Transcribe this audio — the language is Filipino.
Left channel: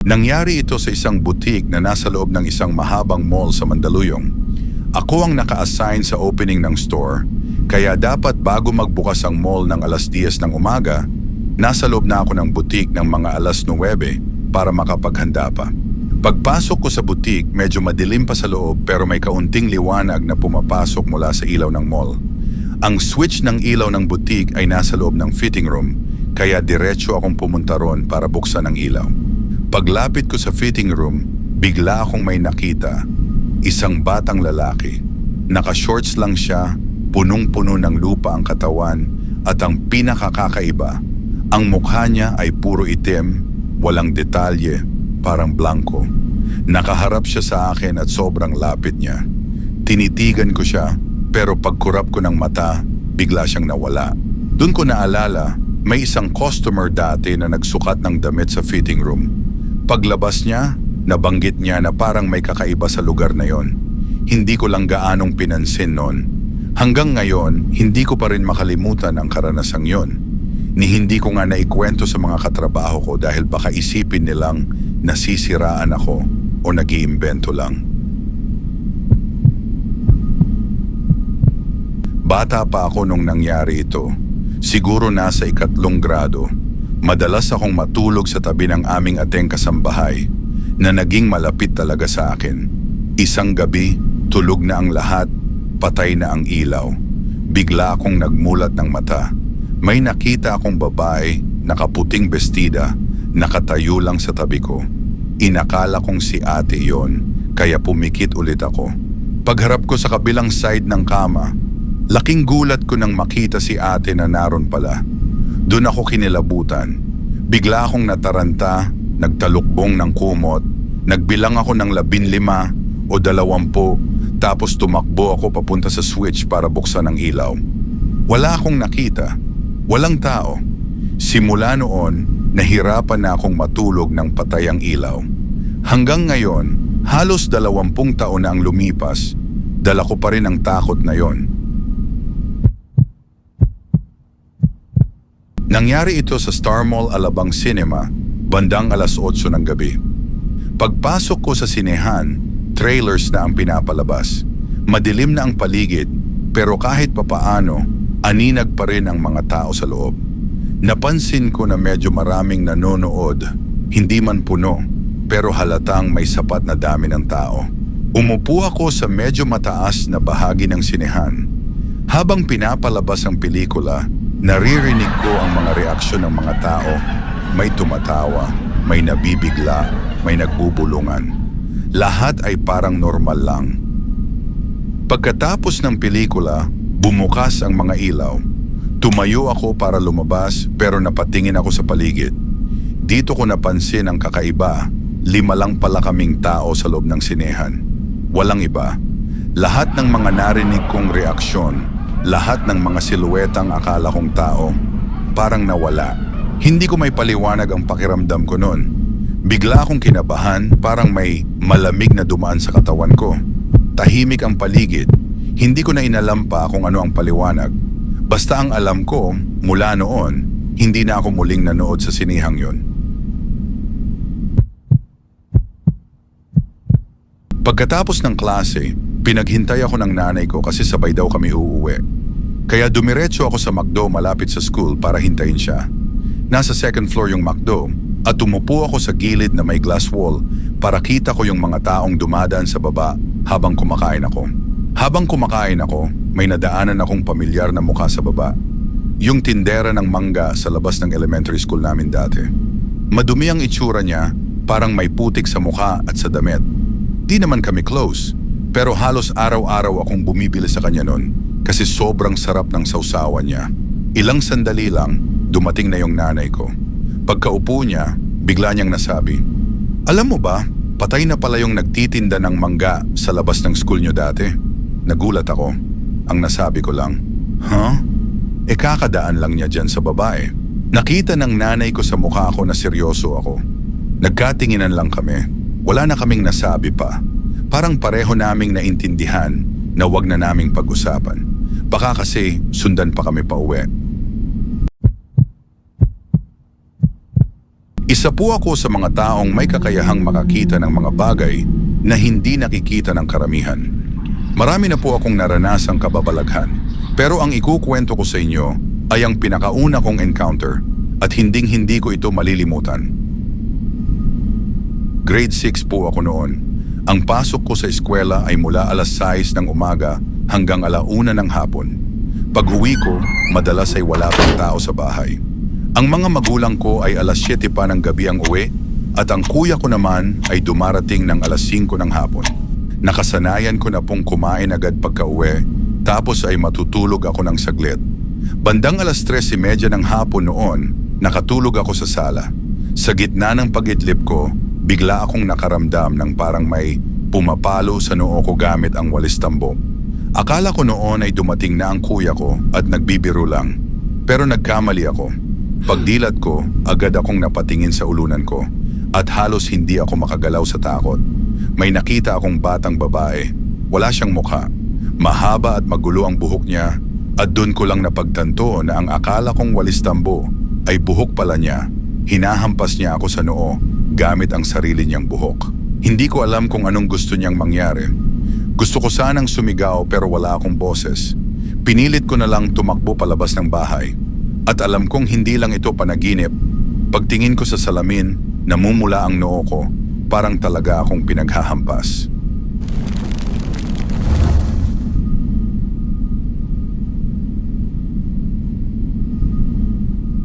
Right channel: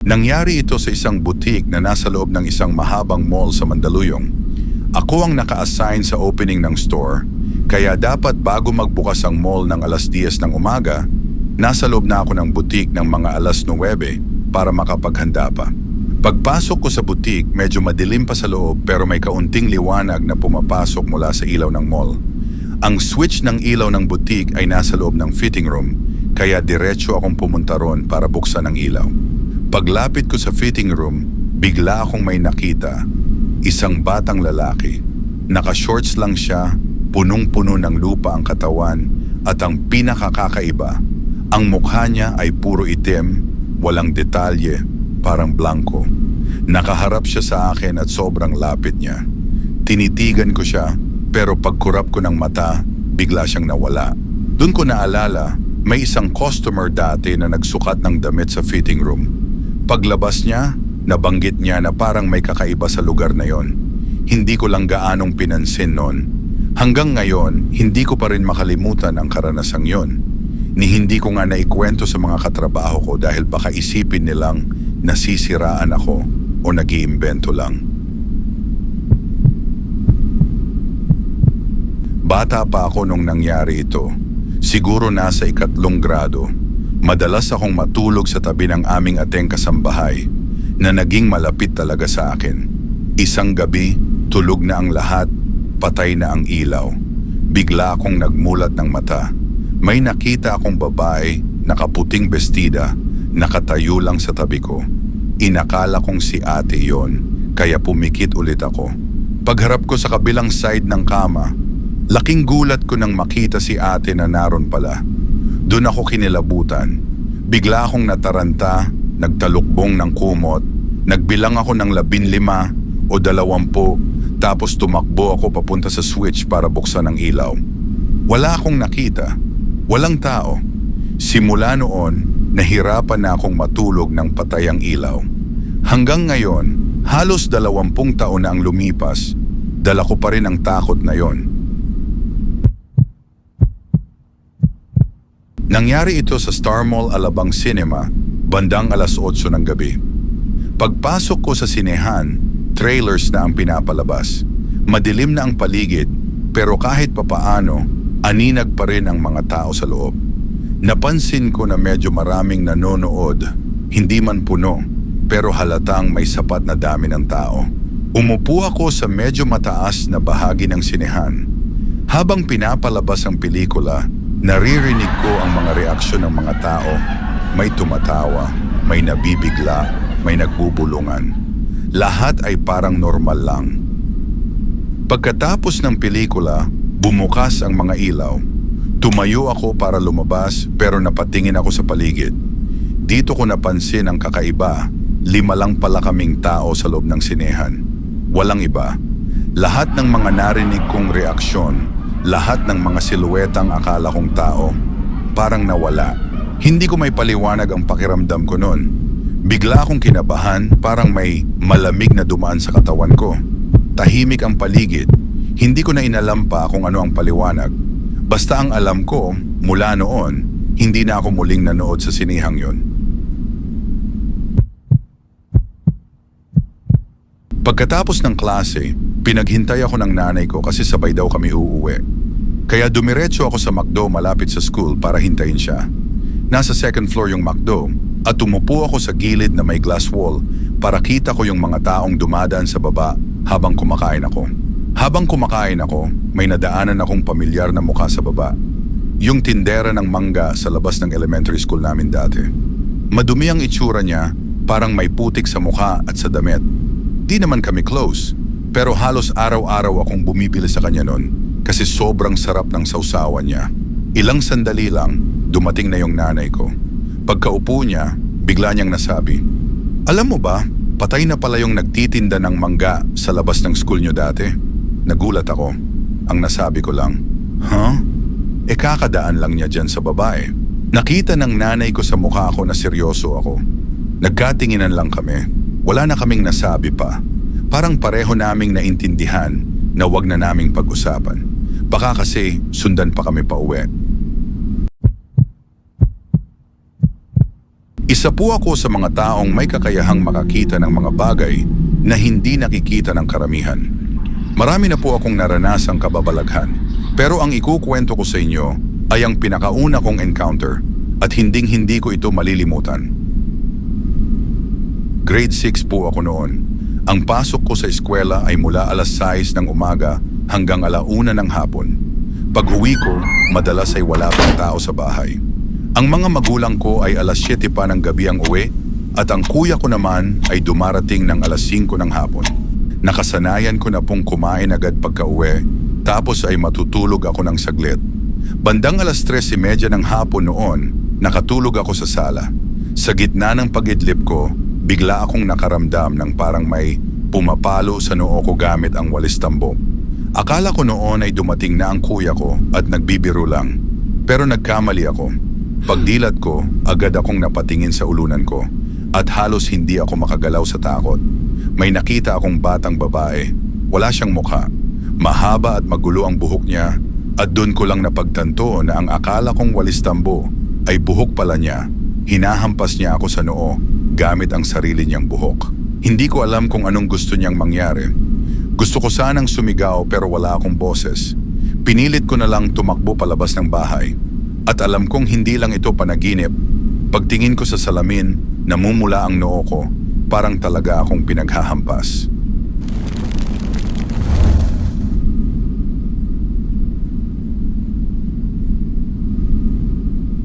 Nangyari ito sa isang butik na nasa loob ng isang mahabang mall sa Mandaluyong. Ako ang naka-assign sa opening ng store, kaya dapat bago magbukas ang mall ng alas 10 ng umaga, nasa loob na ako ng butik ng mga alas 9 para makapaghanda pa. Pagpasok ko sa butik, medyo madilim pa sa loob pero may kaunting liwanag na pumapasok mula sa ilaw ng mall. Ang switch ng ilaw ng butik ay nasa loob ng fitting room, kaya diretso akong pumunta ron para buksan ang ilaw. Paglapit ko sa fitting room, bigla akong may nakita. Isang batang lalaki. Naka-shorts lang siya, punong-puno ng lupa ang katawan, at ang pinakakakaiba, ang mukha niya ay puro itim, walang detalye, parang blanco. Nakaharap siya sa akin at sobrang lapit niya. Tinitigan ko siya, pero pagkurap ko ng mata, bigla siyang nawala. Doon ko naalala, may isang customer dati na nagsukat ng damit sa fitting room. Paglabas niya, nabanggit niya na parang may kakaiba sa lugar na yon. Hindi ko lang gaanong pinansin noon. Hanggang ngayon, hindi ko pa rin makalimutan ang karanasang yon. Ni hindi ko nga naikwento sa mga katrabaho ko dahil baka isipin nilang nasisiraan ako o nag-iimbento lang. Bata pa ako nung nangyari ito. Siguro nasa ikatlong grado. Madalas akong matulog sa tabi ng aming ateng kasambahay na naging malapit talaga sa akin. Isang gabi, tulog na ang lahat, patay na ang ilaw. Bigla akong nagmulat ng mata. May nakita akong babae, nakaputing bestida, nakatayo lang sa tabi ko. Inakala kong si ate yon, kaya pumikit ulit ako. Pagharap ko sa kabilang side ng kama, laking gulat ko nang makita si ate na naroon pala. Doon ako kinilabutan. Bigla akong nataranta, nagtalukbong ng kumot, nagbilang ako ng labin lima o dalawampu, tapos tumakbo ako papunta sa switch para buksan ang ilaw. Wala akong nakita, walang tao. Simula noon, nahirapan na akong matulog ng patay ang ilaw. Hanggang ngayon, halos dalawampung taon na ang lumipas, dala ko pa rin ang takot na yon. Nangyari ito sa Star Mall Alabang Cinema, bandang alas 8 ng gabi. Pagpasok ko sa sinehan, trailers na ang pinapalabas. Madilim na ang paligid, pero kahit papaano, aninag pa rin ang mga tao sa loob. Napansin ko na medyo maraming nanonood, hindi man puno, pero halatang may sapat na dami ng tao. Umupo ako sa medyo mataas na bahagi ng sinehan. Habang pinapalabas ang pelikula, naririnig ko ang mga reaksyon ng mga tao. May tumatawa, may nabibigla, may nagbubulungan. Lahat ay parang normal lang. Pagkatapos ng pelikula, bumukas ang mga ilaw. Tumayo ako para lumabas pero napatingin ako sa paligid. Dito ko napansin ang kakaiba, lima lang pala kaming tao sa loob ng sinehan. Walang iba. Lahat ng mga narinig kong reaksyon, lahat ng mga siluetang akala kong tao, parang nawala. Hindi ko may paliwanag ang pakiramdam ko noon. Bigla akong kinabahan, parang may malamig na dumaan sa katawan ko. Tahimik ang paligid. Hindi ko na inalam pa kung ano ang paliwanag. Basta ang alam ko, mula noon, hindi na ako muling nanood sa sinihang yon. Pagkatapos ng klase, pinaghintay ako ng nanay ko kasi sabay daw kami uuwi. Kaya dumiretso ako sa McDo malapit sa school para hintayin siya. Nasa second floor yung McDo at tumupo ako sa gilid na may glass wall para kita ko yung mga taong dumadaan sa baba habang kumakain ako. Habang kumakain ako, may nadaanan akong pamilyar na mukha sa baba. Yung tindera ng mangga sa labas ng elementary school namin dati. Madumi ang itsura niya, parang may putik sa mukha at sa damit. Di naman kami close, pero halos araw-araw akong bumibili sa kanya noon kasi sobrang sarap ng sausawan niya. Ilang sandali lang, dumating na yung nanay ko. Pagkaupo niya, bigla niyang nasabi, Alam mo ba, patay na pala yung nagtitinda ng mangga sa labas ng school niyo dati. Nagulat ako. Ang nasabi ko lang, Huh? E kakadaan lang niya dyan sa babae. Nakita ng nanay ko sa mukha ko na seryoso ako. Nagkatinginan lang kami. Wala na kaming nasabi pa. Parang pareho naming naintindihan na wag na naming pag-usapan. Baka kasi sundan pa kami pa uwi. Isa po ako sa mga taong may kakayahang makakita ng mga bagay na hindi nakikita ng karamihan. Marami na po akong naranasang kababalaghan, pero ang ikukwento ko sa inyo ay ang pinakauna kong encounter at hinding-hindi ko ito malilimutan. Grade 6 po ako noon. Ang pasok ko sa eskwela ay mula alas 6 ng umaga hanggang alauna ng hapon. Pag uwi ko, madalas ay wala pang tao sa bahay. Ang mga magulang ko ay alas 7 pa ng gabi ang uwi at ang kuya ko naman ay dumarating ng alas 5 ng hapon. Nakasanayan ko na pong kumain agad pagka uwi tapos ay matutulog ako ng saglit. Bandang alas 3.30 ng hapon noon, nakatulog ako sa sala. Sa gitna ng pagidlip ko, bigla akong nakaramdam ng parang may pumapalo sa noo ko gamit ang walis tambo. Akala ko noon ay dumating na ang kuya ko at nagbibiro lang. Pero nagkamali ako. Pagdilat ko, agad akong napatingin sa ulunan ko at halos hindi ako makagalaw sa takot. May nakita akong batang babae. Wala siyang mukha. Mahaba at magulo ang buhok niya at doon ko lang napagtanto na ang akala kong walis tambo ay buhok pala niya. Hinahampas niya ako sa noo gamit ang sarili niyang buhok. Hindi ko alam kung anong gusto niyang mangyari. Gusto ko sanang sumigaw pero wala akong boses. Pinilit ko na lang tumakbo palabas ng bahay. At alam kong hindi lang ito panaginip. Pagtingin ko sa salamin, namumula ang noo ko. Parang talaga akong pinaghahampas.